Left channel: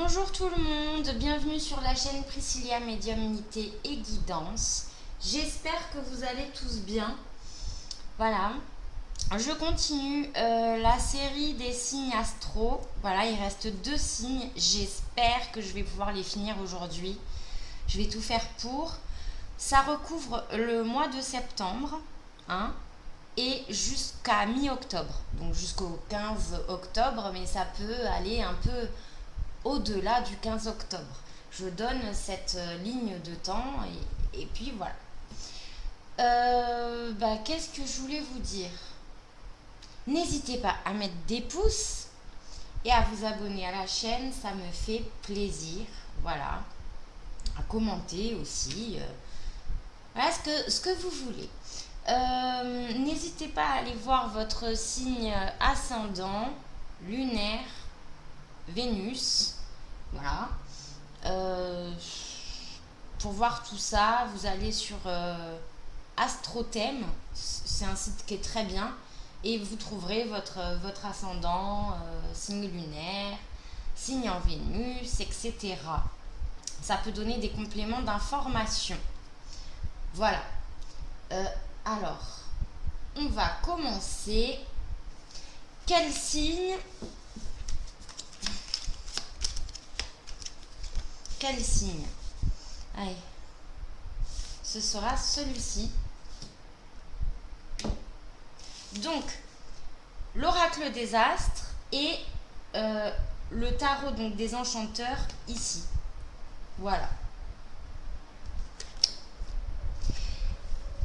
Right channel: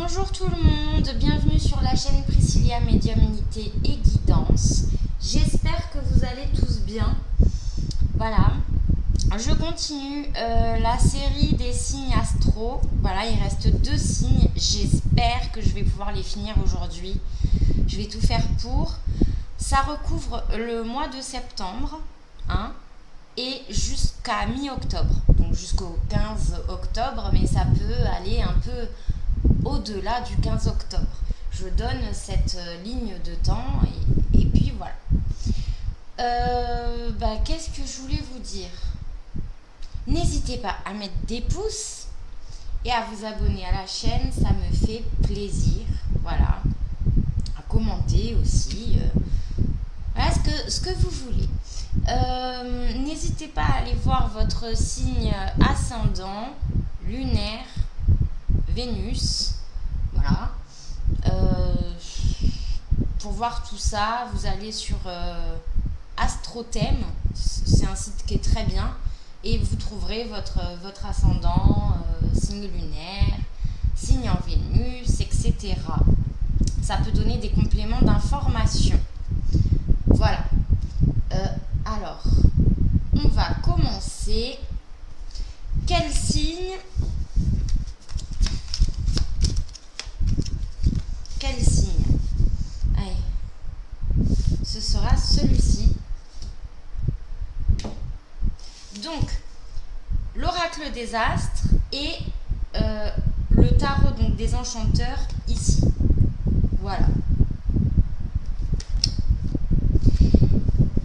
Bonjour tout le monde, bienvenue sur la chaîne Priscilla Médiumnité et Guidance. J'espère que vous allez tous bien. Voilà, je continue la série des signes astro. Voilà, il reste 2 signes. J'espère que je vais pouvoir les finir aujourd'hui. Je vais tout faire pour. Ça recouvre le mois de septembre, hein, et jusqu'à mi-octobre. Donc jusqu'au 15 octobre, mais ça peut aller un peu au-delà du 15 octobre. Je donne cette ligne de temps et puis voilà. Qu'est-ce que je voulais vous dire? N'hésitez pas à mettre des pouces et à vous abonner à la chaîne, ça me fait plaisir. Voilà. À commenter aussi. Voilà ce que vous voulez. N'hésitez pas à aller voir votre signe ascendant, lunaire, Vénus. Voilà. Pour voir tout ça, vous allez sur Astrothème. C'est un site qui est très bien. Et vous trouverez votre ascendant, signe lunaire, signe en Vénus, etc. Ça peut donner des compléments d'information. Voilà. Alors, on va commencer. Quel signe? Quel signe? Allez, ce sera celui-ci. Donc, l'oracle des astres et le tarot donc des enchanteurs ici. Voilà.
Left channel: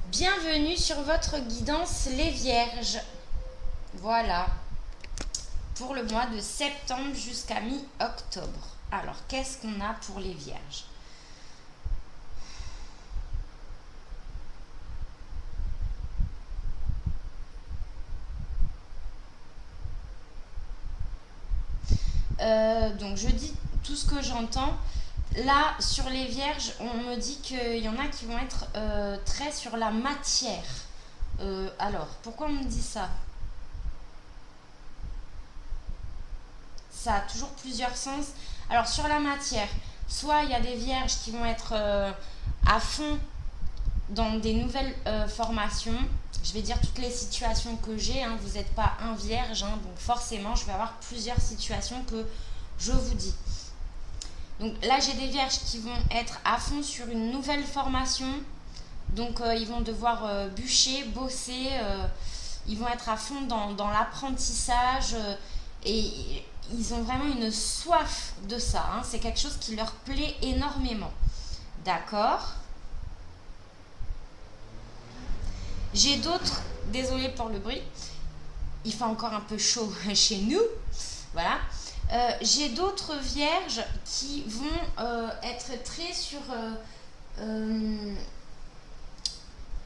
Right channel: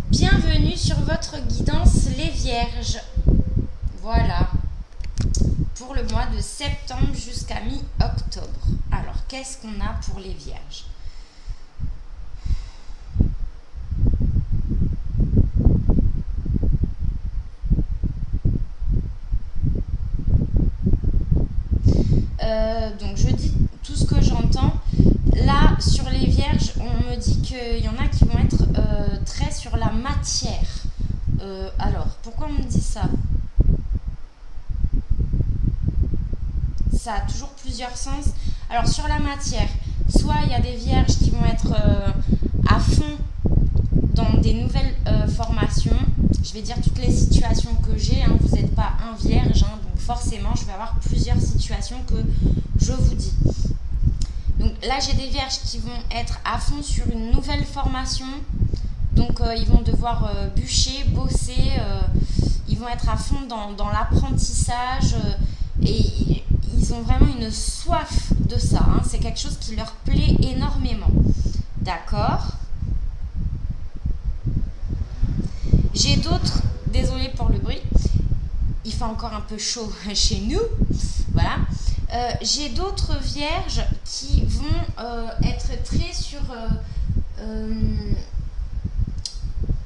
Bienvenue sur votre guidance les vierges. Voilà. Pour le mois de septembre jusqu'à mi-octobre. Alors, qu'est-ce qu'on a pour les vierges? Donc, je dis tout ce que j'entends. Là, sur les vierges, on me dit qu'il y en a qui vont être très sur la matière. Alors, pourquoi on me dit ça? Ça a toujours plusieurs sens. Alors sur la matière, soit il y a des vierges qui vont être à fond dans des nouvelles formations. Je vais dire toutes les situations que j'ai, hein. Vous n'êtes pas un vierge, hein, donc forcément je vais avoir plusieurs situations que je vous dis. Donc là j'ai des vierges qui vont être à fond sur une nouvelle formation. Donc ils vont devoir bûcher, bosser, ils vont être à fond dans l'apprentissage et ils ont vraiment une soif de ça, hein. C'est quelque chose qui leur plaît énormément. D'accord? J'ai d'autres, désolée pour le bruit, il fait encore un peu chaud chez nous, voilà. J'ai d'autres vierges qui vont être très sur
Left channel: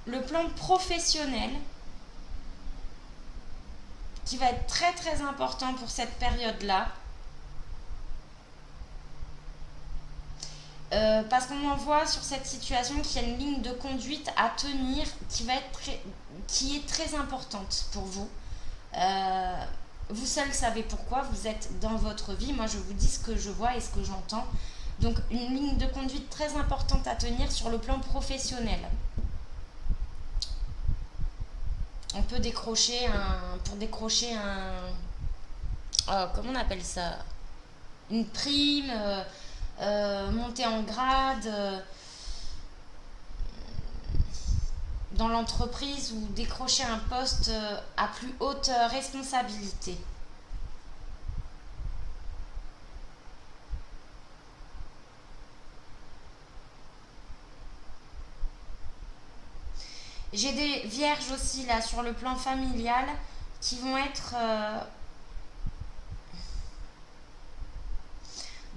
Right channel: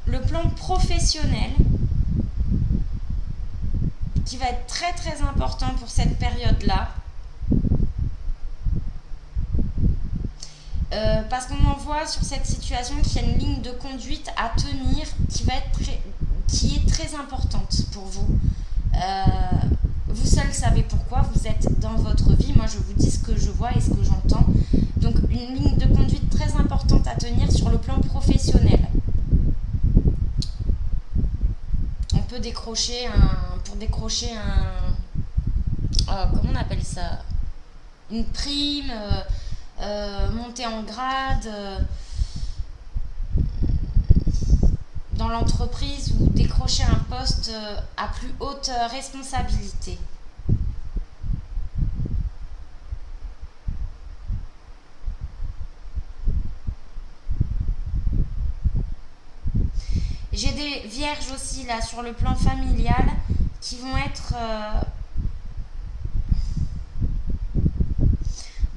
le plan professionnel, qui va être très très important pour cette période-là. Parce qu'on en voit sur cette situation qu'il y a une ligne de conduite à tenir qui est très importante pour vous. Vous seuls savez pourquoi, vous êtes dans votre vie. Moi, je vous dis ce que je vois et ce que j'entends. Donc, une ligne de conduite très importante à tenir sur le plan professionnel. On peut décrocher comment on appelle ça? Une prime, monter en grade dans l'entreprise ou décrocher un poste à plus haute responsabilité. J'ai des vierges aussi là sur le plan familial qui vont être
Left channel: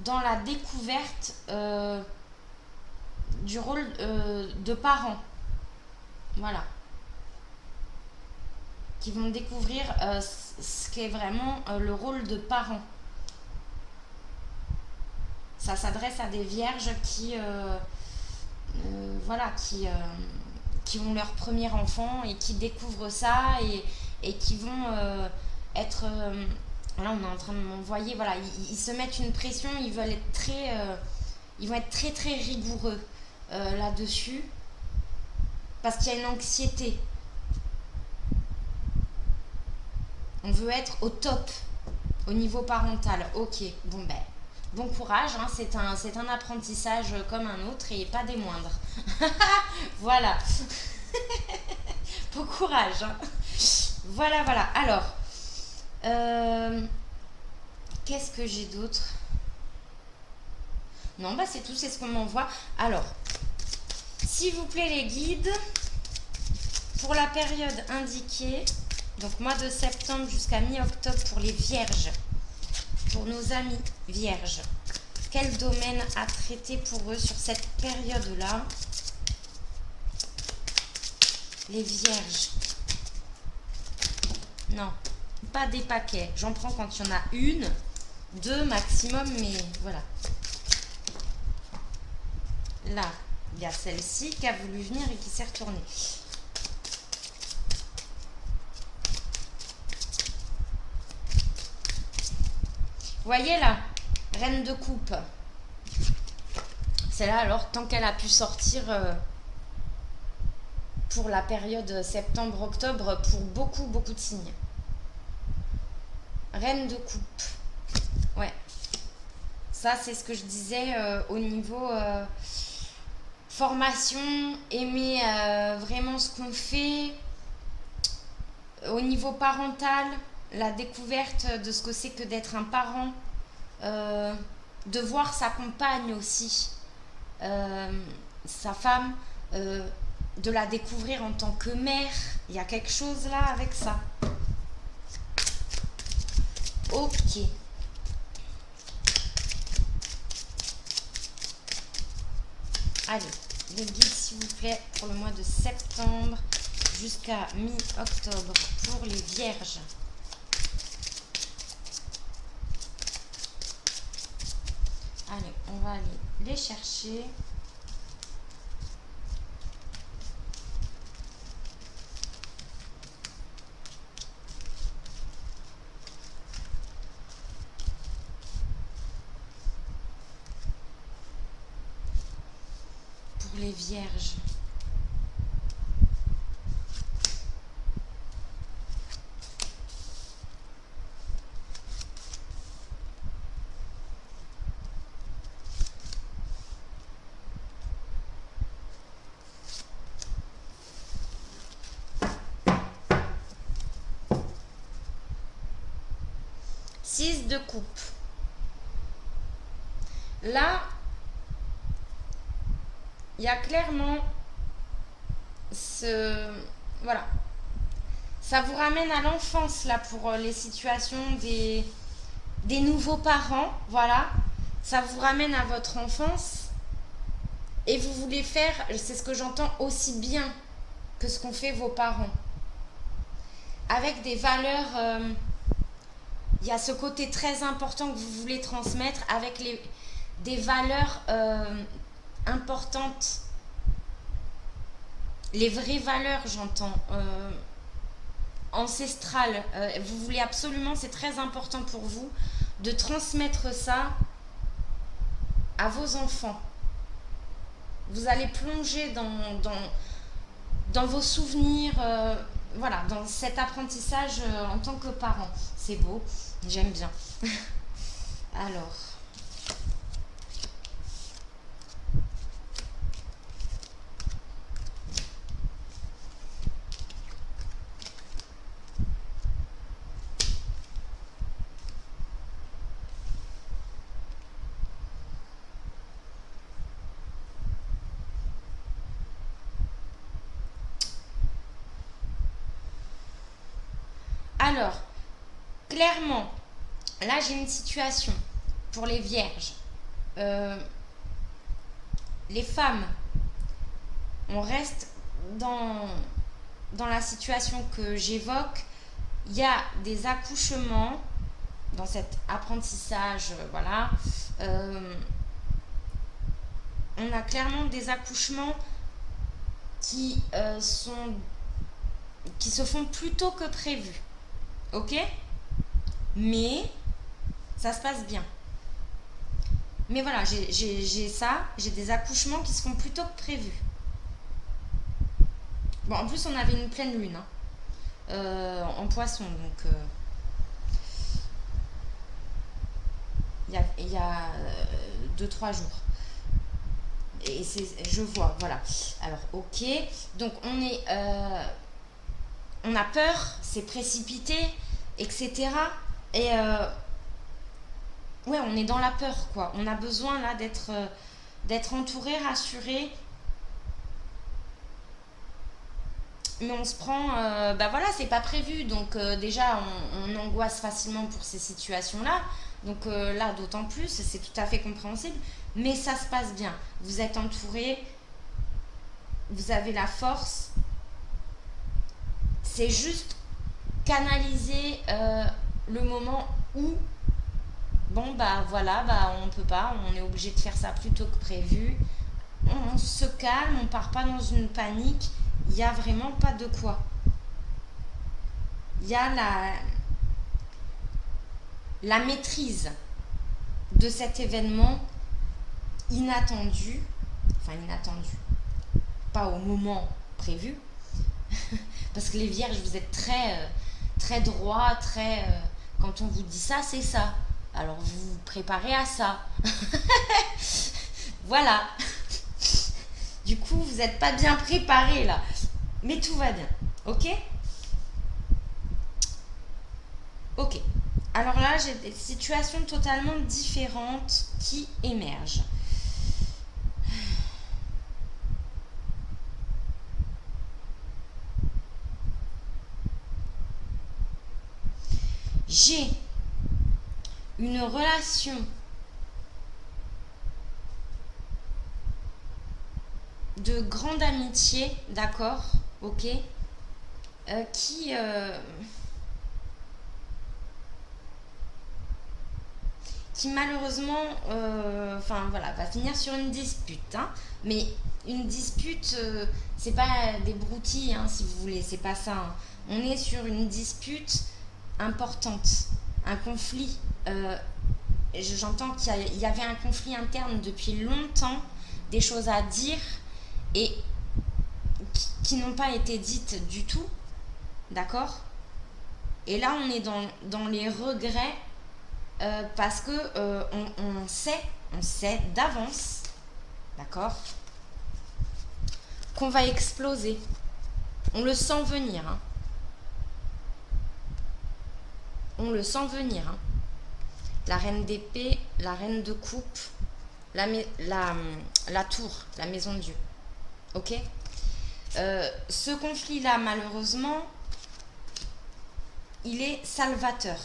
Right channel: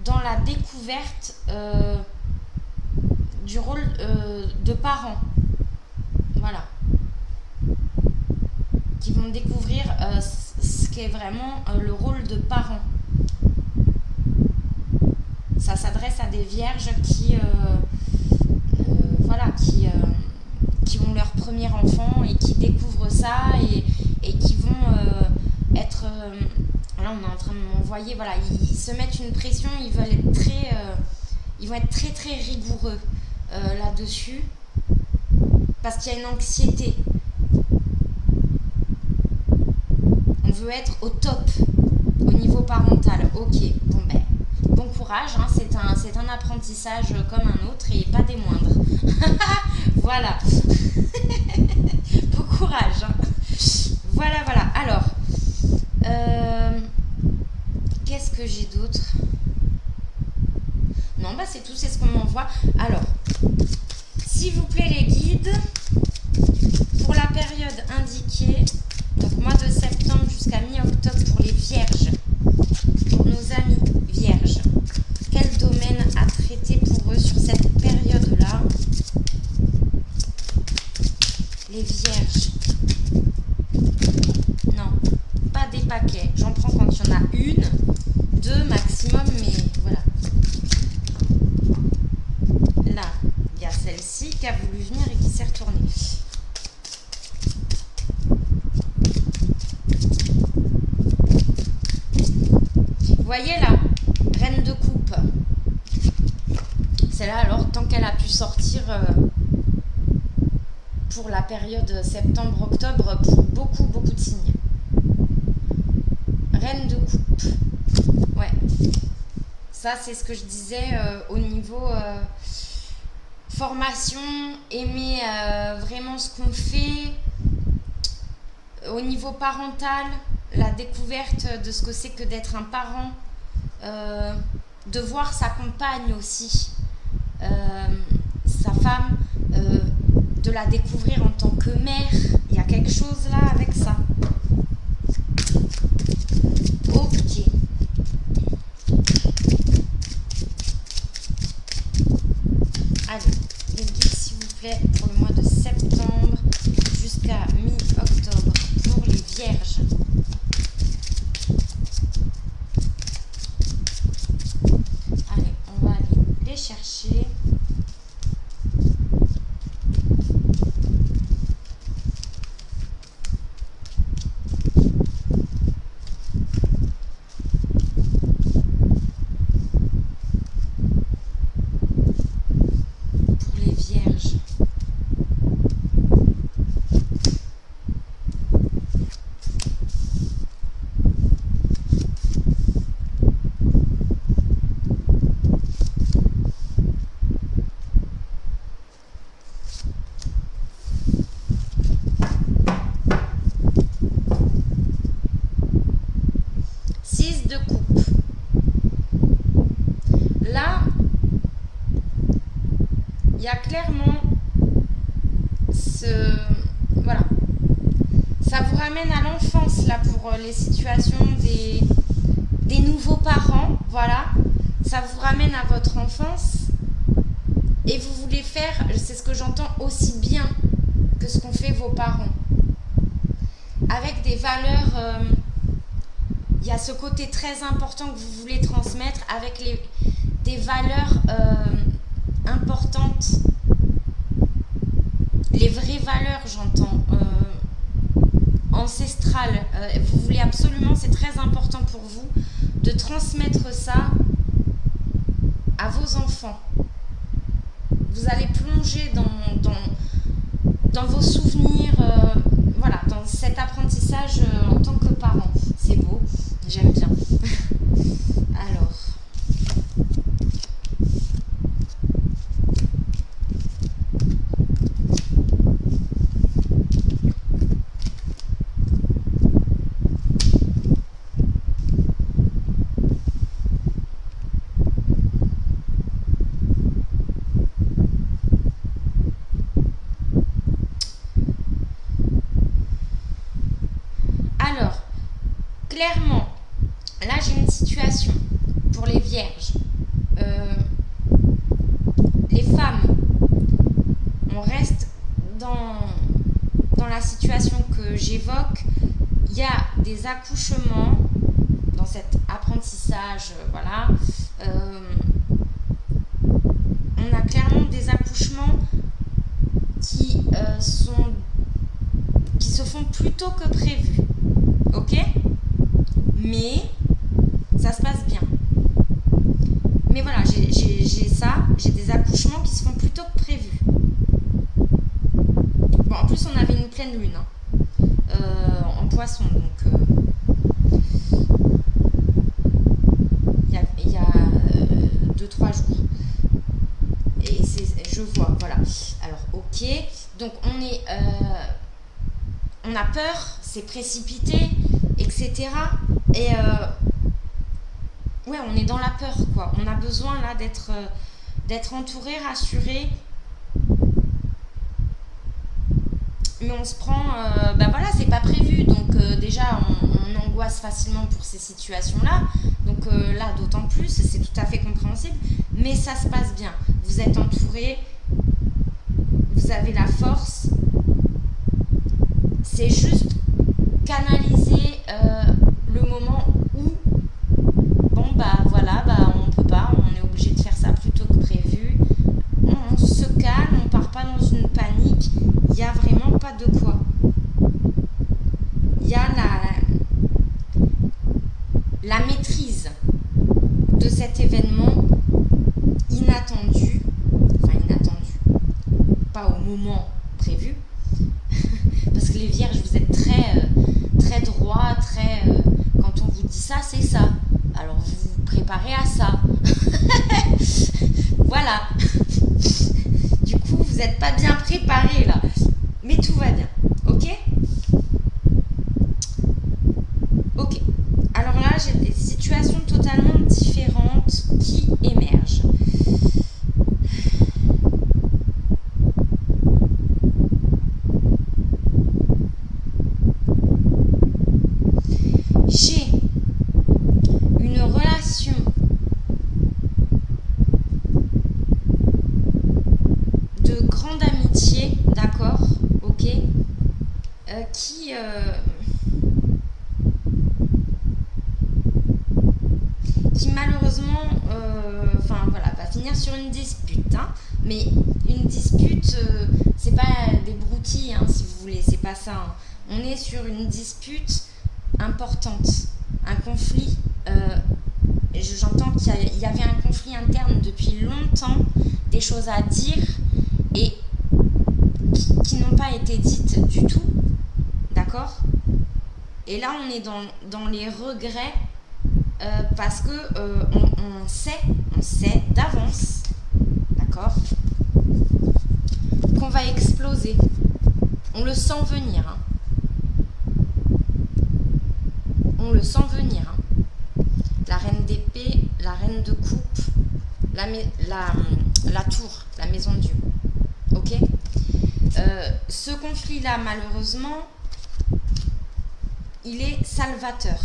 dans la découverte du rôle de parents. Voilà. Qui vont découvrir ce qu'est vraiment le rôle de parent. Ça s'adresse à des vierges qui ont leur premier enfant et qui découvrent ça et qui vont être Là, on est en train de m'envoyer, voilà, ils se mettent une pression, ils veulent être ils vont être très très rigoureux là-dessus, parce qu'il y a une anxiété. On veut être au top au niveau parental. Ok, bon ben, bon courage, hein, c'est un apprentissage comme un autre et pas des moindres. Voilà. Bon courage. Hein. Voilà, voilà. Alors, qu'est-ce que j'ai d'autre? Non, bah c'est tout, c'est ce qu'on m'envoie. Alors, s'il vous plaît les guides, pour la période indiquée, donc mois de septembre jusqu'à mi-octobre pour les vierges, pour nos amis vierges, quel domaine à traiter pour eux sur cette période-là? Les vierges. Non, pas des paquets. J'en prends quand il y en a une, deux maximum, mais voilà. Là, il y a celle-ci qui a voulu venir et qui s'est retournée. Vous voyez là, reine de coupe. C'est là alors, tant qu'elle a pu sortir pour la période septembre-octobre pour beaucoup, beaucoup de signes. Reine de coupe. Ouais. Ça, c'est ce que je disais au niveau formation, aimer vraiment ce qu'on fait. Au niveau parental, la découverte de ce que c'est que d'être un parent, de voir sa compagne aussi, sa femme, de la découvrir en tant que mère. Il y a quelque chose là avec ça. Ok. Allez, les guides s'il vous plaît pour le mois de septembre jusqu'à mi-octobre pour les vierges. Allez, on va aller les chercher. Pour les vierges. De coupe. Là, il y a clairement voilà. Ça vous ramène à l'enfance là pour les situations des nouveaux parents. Voilà. Ça vous ramène à votre enfance. Et vous voulez faire, c'est ce que j'entends, aussi bien que ce qu'ont fait vos parents. Avec des valeurs... il y a ce côté très important que vous voulez transmettre avec des valeurs importantes. Les vraies valeurs, j'entends, ancestrales. Vous voulez absolument, c'est très important pour vous, de transmettre ça à vos enfants. Vous allez plonger dans vos souvenirs, voilà, dans cet apprentissage en tant que parent. C'est beau, j'aime bien. Alors. Alors, clairement, là j'ai une situation pour les vierges. Les femmes, on reste dans la situation que j'évoque. Il y a des accouchements dans cet apprentissage, voilà. On a clairement des accouchements qui se font plus tôt que prévu. Ok ? Mais ça se passe bien. Mais voilà, j'ai des accouchements qui se font plus tôt que prévu. Bon, en plus, on avait une pleine lune en poisson, donc il y a 2-3 jours. Et je vois, voilà. Alors, ok. Donc, on a peur, c'est précipité, etc. Et ouais, on est dans la peur, quoi. On a besoin là d'être entouré, rassuré. Mais on se prend, bah voilà, c'est pas prévu, donc déjà on angoisse facilement pour ces situations-là, donc là d'autant plus, c'est tout à fait compréhensible, mais ça se passe bien. Vous êtes entouré, vous avez la force, c'est juste canaliser le moment où, bon bah voilà, bah on peut pas, on est obligé de faire ça plus tôt que prévu. On se calme, on part pas dans une panique, il n'y a vraiment pas de quoi. Il y a la maîtrise de cet événement inattendu, pas au moment prévu, parce que les vierges, vous êtes très droit, quand on vous dit ça, c'est ça. Alors vous vous préparez à ça. Voilà. Du coup, vous n'êtes pas bien préparé là. Mais tout va bien. Ok? Ok. Alors là, j'ai des situations totalement différentes qui émergent. J'ai une relation de grande amitié, d'accord, ok, qui malheureusement, voilà, va finir sur une dispute, hein. Mais une dispute, c'est pas des broutilles, hein, si vous voulez, c'est pas ça, hein. On est sur une dispute importante, un conflit. J'entends qu'il y avait un conflit interne depuis longtemps, des choses à dire et qui n'ont pas été dites du tout, d'accord? Et là, on est dans les regrets parce que on sait d'avance, d'accord, qu'on va exploser. On le sent venir, hein. On le sent venir, hein. La reine d'épée, la reine de coupe, la tour, la maison de Dieu. Ok? Ce conflit-là, malheureusement, il est salvateur.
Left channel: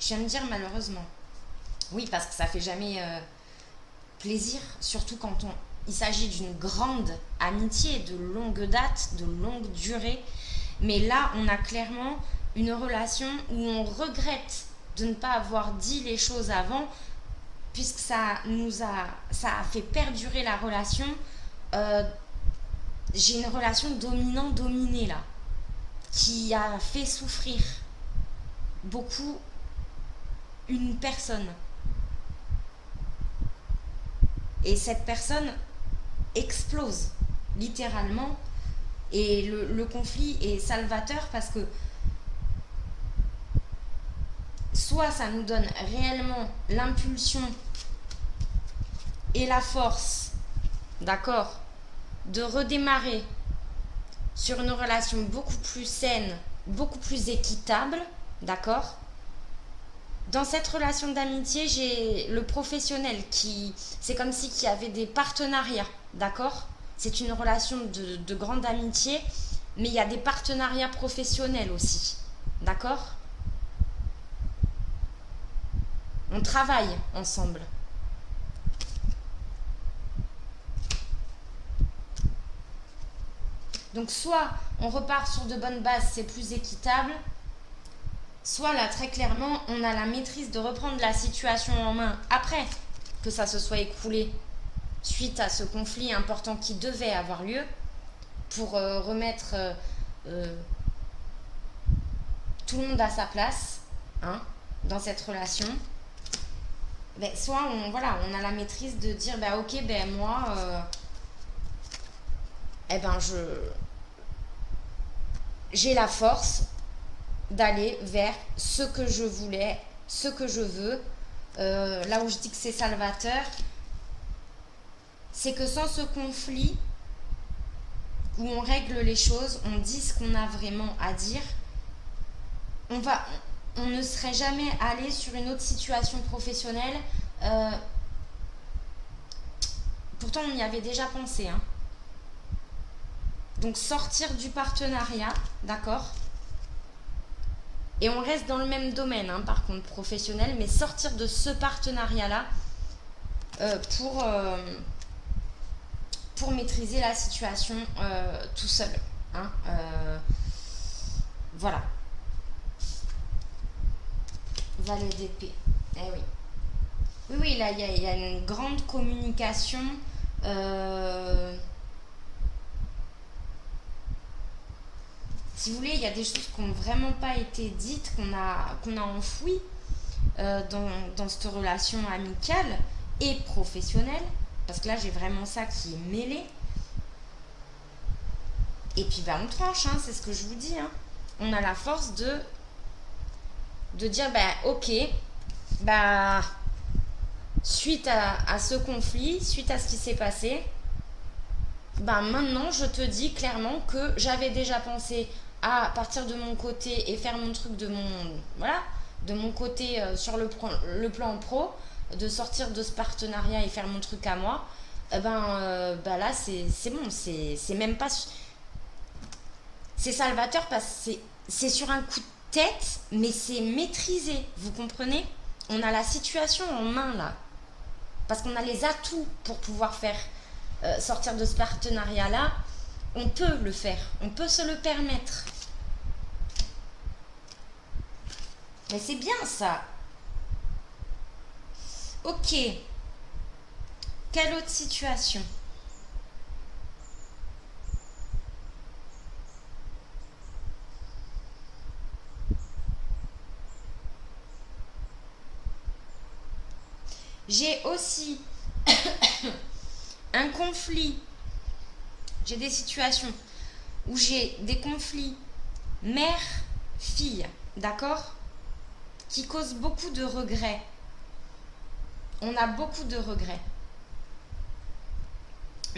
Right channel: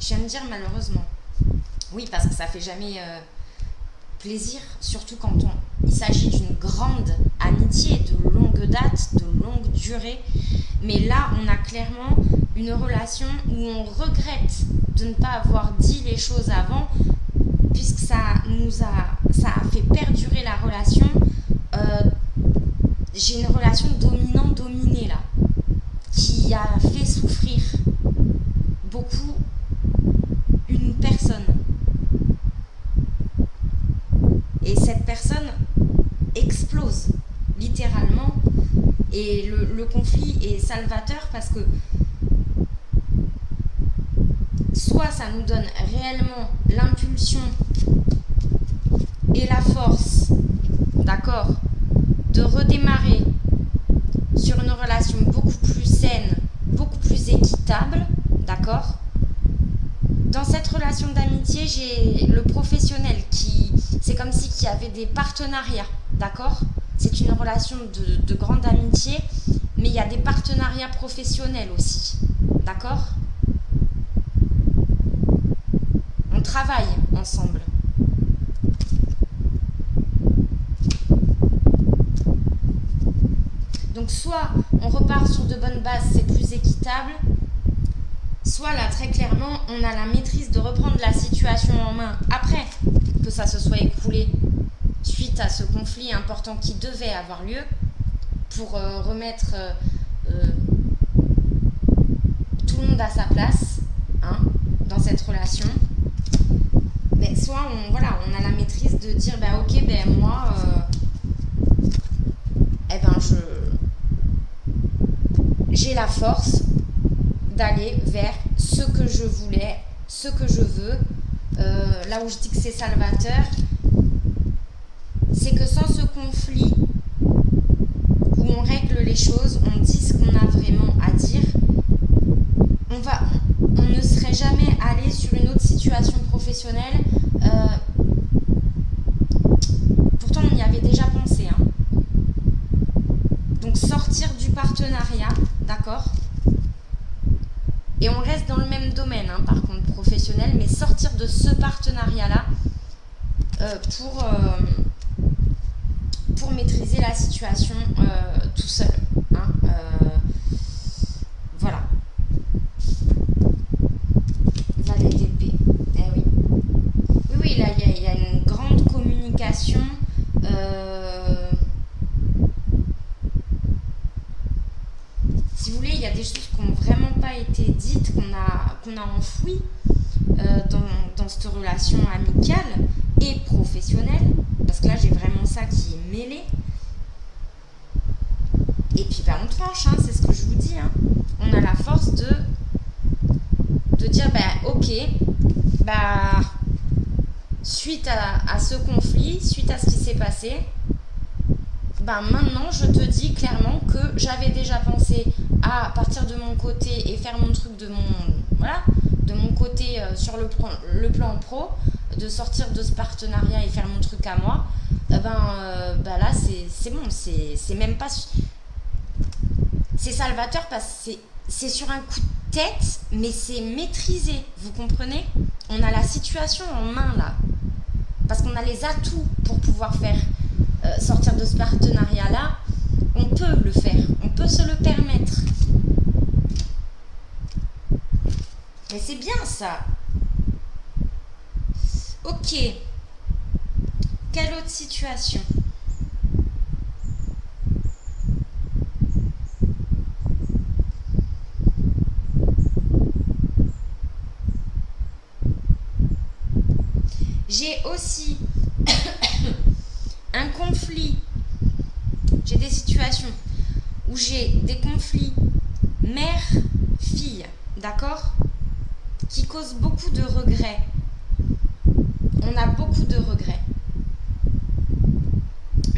Je viens de dire malheureusement. Oui, parce que ça fait jamais plaisir, surtout quand il s'agit d'une grande amitié de longue date, de longue durée. Mais là, on a clairement une relation où on regrette de ne pas avoir dit les choses avant, puisque ça a fait perdurer la relation. J'ai une relation dominant-dominée là, qui a fait souffrir beaucoup une personne. Et cette personne explose, littéralement. Et le conflit est salvateur parce que soit ça nous donne réellement l'impulsion et la force, d'accord, de redémarrer sur une relation beaucoup plus saine, beaucoup plus équitable, d'accord. Dans cette relation d'amitié, j'ai le professionnel c'est comme si qu'il y avait des partenariats, d'accord. C'est une relation de grande amitié, mais il y a des partenariats professionnels aussi, d'accord. On travaille ensemble. Donc soit on repart sur de bonnes bases, c'est plus équitable, soit là très clairement on a la maîtrise de reprendre la situation en main après que ça se soit écoulé suite à ce conflit important qui devait avoir lieu, pour remettre tout le monde a sa place, hein, dans cette relation. Ben, soit on a la maîtrise de dire ben, ok, ben moi, eh ben j'ai la force d'aller vers ce que je voulais, ce que je veux. Là où je dis que c'est salvateur, c'est que sans ce conflit où on règle les choses, on dit ce qu'on a vraiment à dire, on ne serait jamais allé sur une autre situation professionnelle. Pourtant, on y avait déjà pensé. Hein. Donc, sortir du partenariat, d'accord ? Et on reste dans le même domaine, hein, par contre, professionnel, mais sortir de ce partenariat-là pour maîtriser la situation tout seul. Hein, voilà. Valet d'épée. Eh oui. Oui, là, il y a une grande communication. Si vous voulez, il y a des choses qui n'ont vraiment pas été dites, qu'on a enfouies dans cette relation amicale et professionnelle. Parce que là, j'ai vraiment ça qui est mêlé. Et puis, on tranche, hein, c'est ce que je vous dis. Hein. On a la force de dire, ok, suite à ce conflit, suite à ce qui s'est passé, maintenant, je te dis clairement que j'avais déjà pensé à partir de mon côté et faire mon truc de mon côté sur le plan pro, de sortir de ce partenariat et faire mon truc à moi. Là, c'est bon, c'est même pas... C'est salvateur parce que c'est sur un coup de tête, mais c'est maîtrisé, vous comprenez ? On a la situation en main, là. Parce qu'on a les atouts pour pouvoir faire sortir de ce partenariat-là. On peut le faire, on peut se le permettre. Mais c'est bien, ça. Ok. Quelle autre situation ? J'ai aussi un conflit. J'ai des situations où j'ai des conflits mère-fille, d'accord ? Qui causent beaucoup de regrets. On a beaucoup de regrets.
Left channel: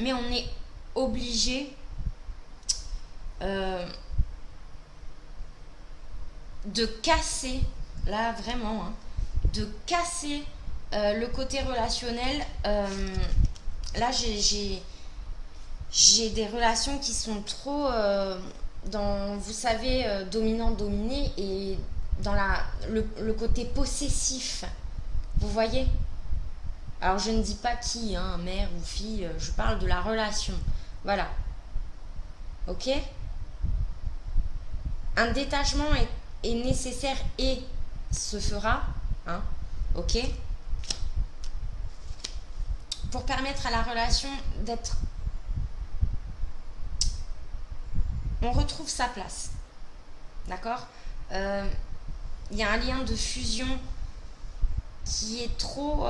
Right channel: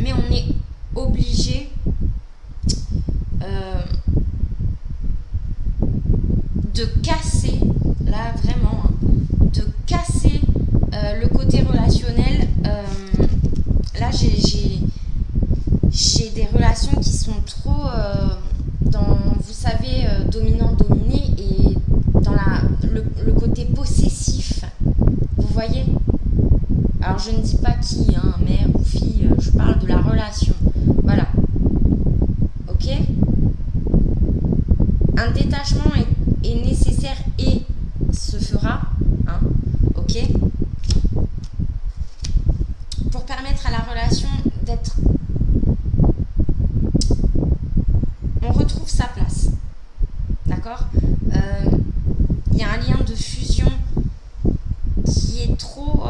Mais on est obligé de casser, là vraiment, hein, de casser le côté relationnel. Là, j'ai des relations qui sont trop dans, vous savez, dominant-dominé et dans le côté possessif. Vous voyez ? Alors, je ne dis pas qui, hein, mère ou fille, je parle de la relation. Voilà. Ok ? Un détachement est nécessaire et se fera. Hein ? Ok ? Pour permettre à la relation d'être... On retrouve sa place. D'accord ? Il y a un lien de fusion qui est trop...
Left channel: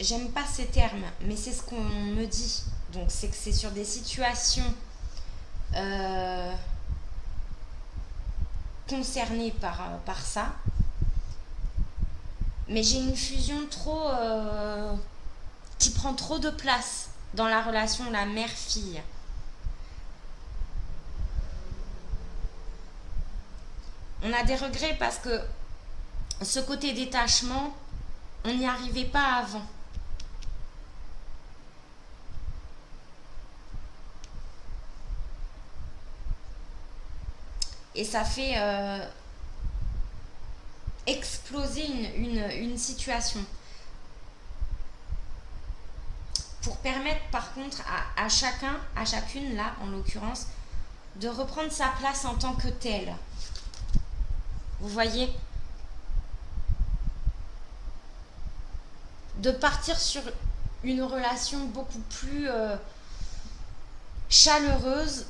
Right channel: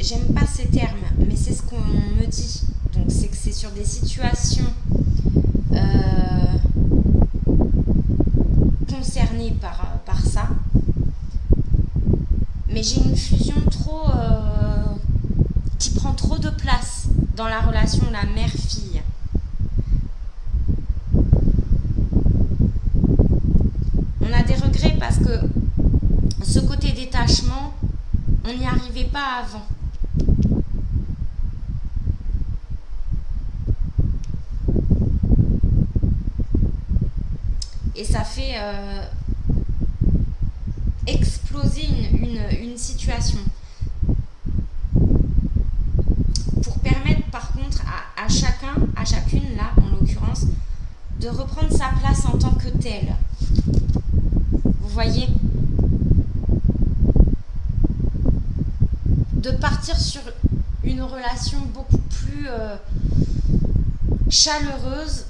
J'aime pas ces termes, mais c'est ce qu'on me dit. Donc c'est que c'est sur des situations concernées par ça. Mais j'ai une fusion trop... qui prend trop de place dans la relation la mère-fille. On a des regrets parce que ce côté détachement, on n'y arrivait pas avant. Et ça fait exploser une situation. Pour permettre par contre à chacun, à chacune là en l'occurrence, de reprendre sa place en tant que telle. Vous voyez ? De partir sur une relation beaucoup plus chaleureuse,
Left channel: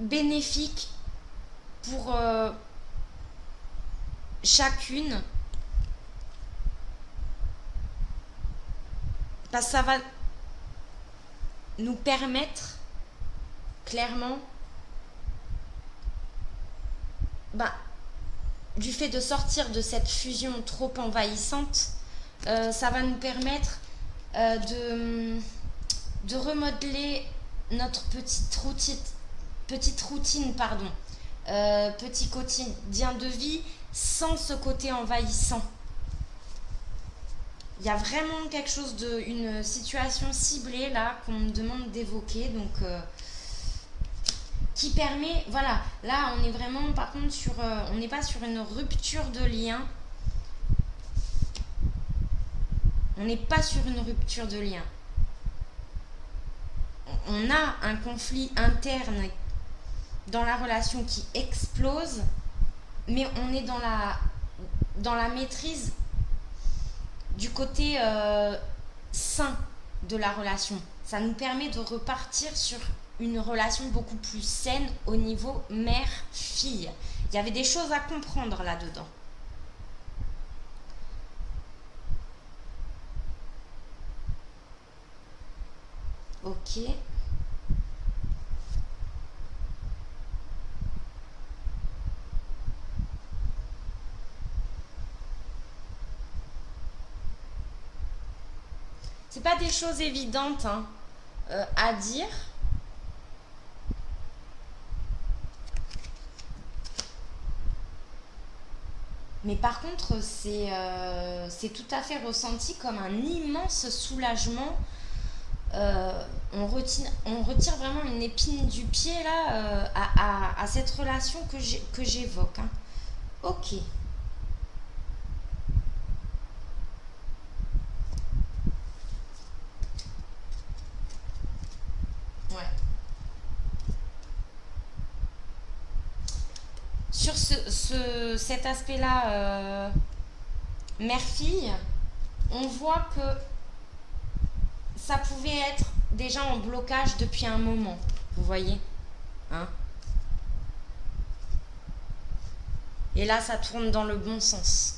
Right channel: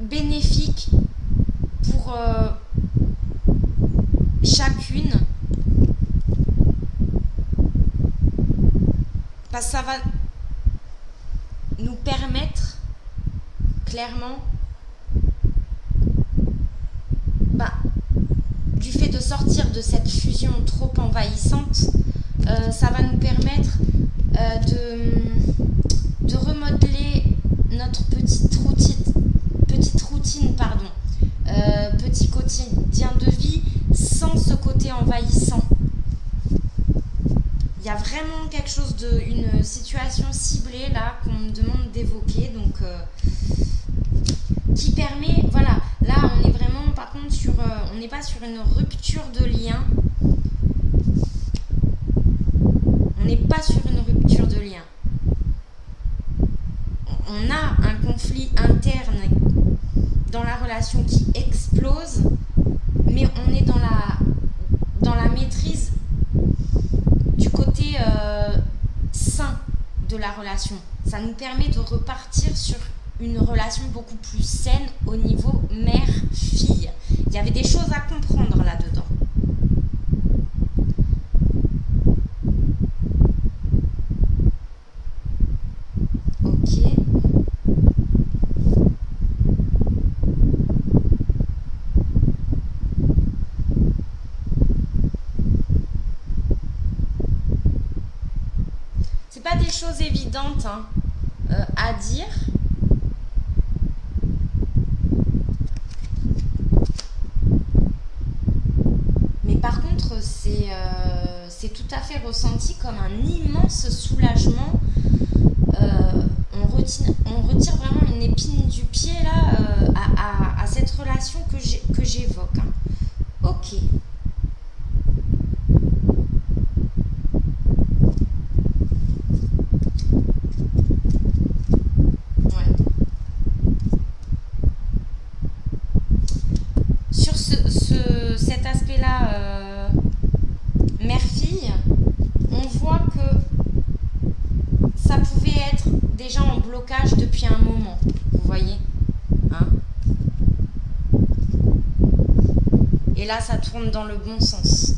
bénéfique pour chacune. Parce que ça va nous permettre clairement du fait de sortir de cette fusion trop envahissante, ça va nous permettre de remodeler notre petite routine, petit quotidien de vie sans ce côté envahissant. Il y a vraiment quelque chose une situation ciblée là qu'on me demande d'évoquer, donc qui permet, voilà, là on est vraiment par contre on n'est pas sur une rupture de lien, on a un conflit interne dans la relation qui explose, mais on est dans la maîtrise du côté sain de la relation. Ça nous permet de repartir sur une relation beaucoup plus saine au niveau mère-fille. Il y avait des choses à comprendre là-dedans. Ok. C'est pas des choses évidentes à dire. Mais par contre, c'est tout à fait ressenti comme un immense soulagement. On retire vraiment une épine du pied là à cette relation que j'évoque. Ok. Ouais. Sur cet aspect-là, mère-fille, on voit que ça pouvait être déjà en blocage depuis un moment, vous voyez, hein? Et là, ça tourne dans le bon sens.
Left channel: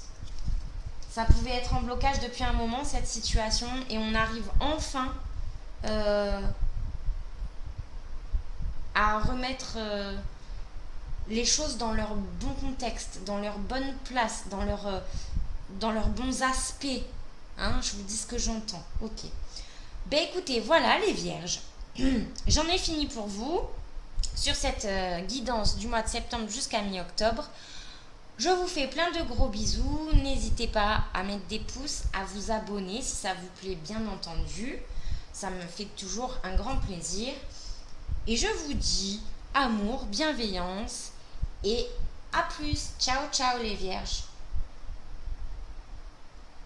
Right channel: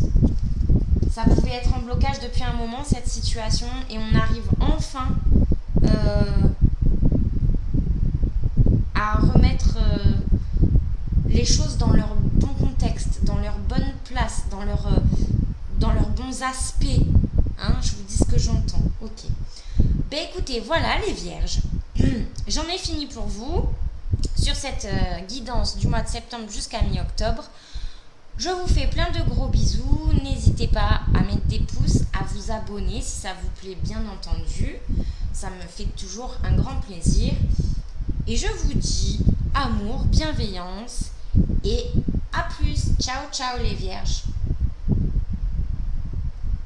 Ça pouvait être en blocage depuis un moment, cette situation, et on arrive enfin à remettre les choses dans leur bon contexte, dans leur bonne place, dans leurs bons aspects. Hein, je vous dis ce que j'entends. Ok. Ben écoutez, voilà les vierges. J'en ai fini pour vous sur cette guidance du mois de septembre jusqu'à mi-octobre. Je vous fais plein de gros bisous. N'hésitez pas à mettre des pouces, à vous abonner si ça vous plaît, bien entendu. Ça me fait toujours un grand plaisir. Et je vous dis amour, bienveillance et à plus. Ciao, ciao les vierges.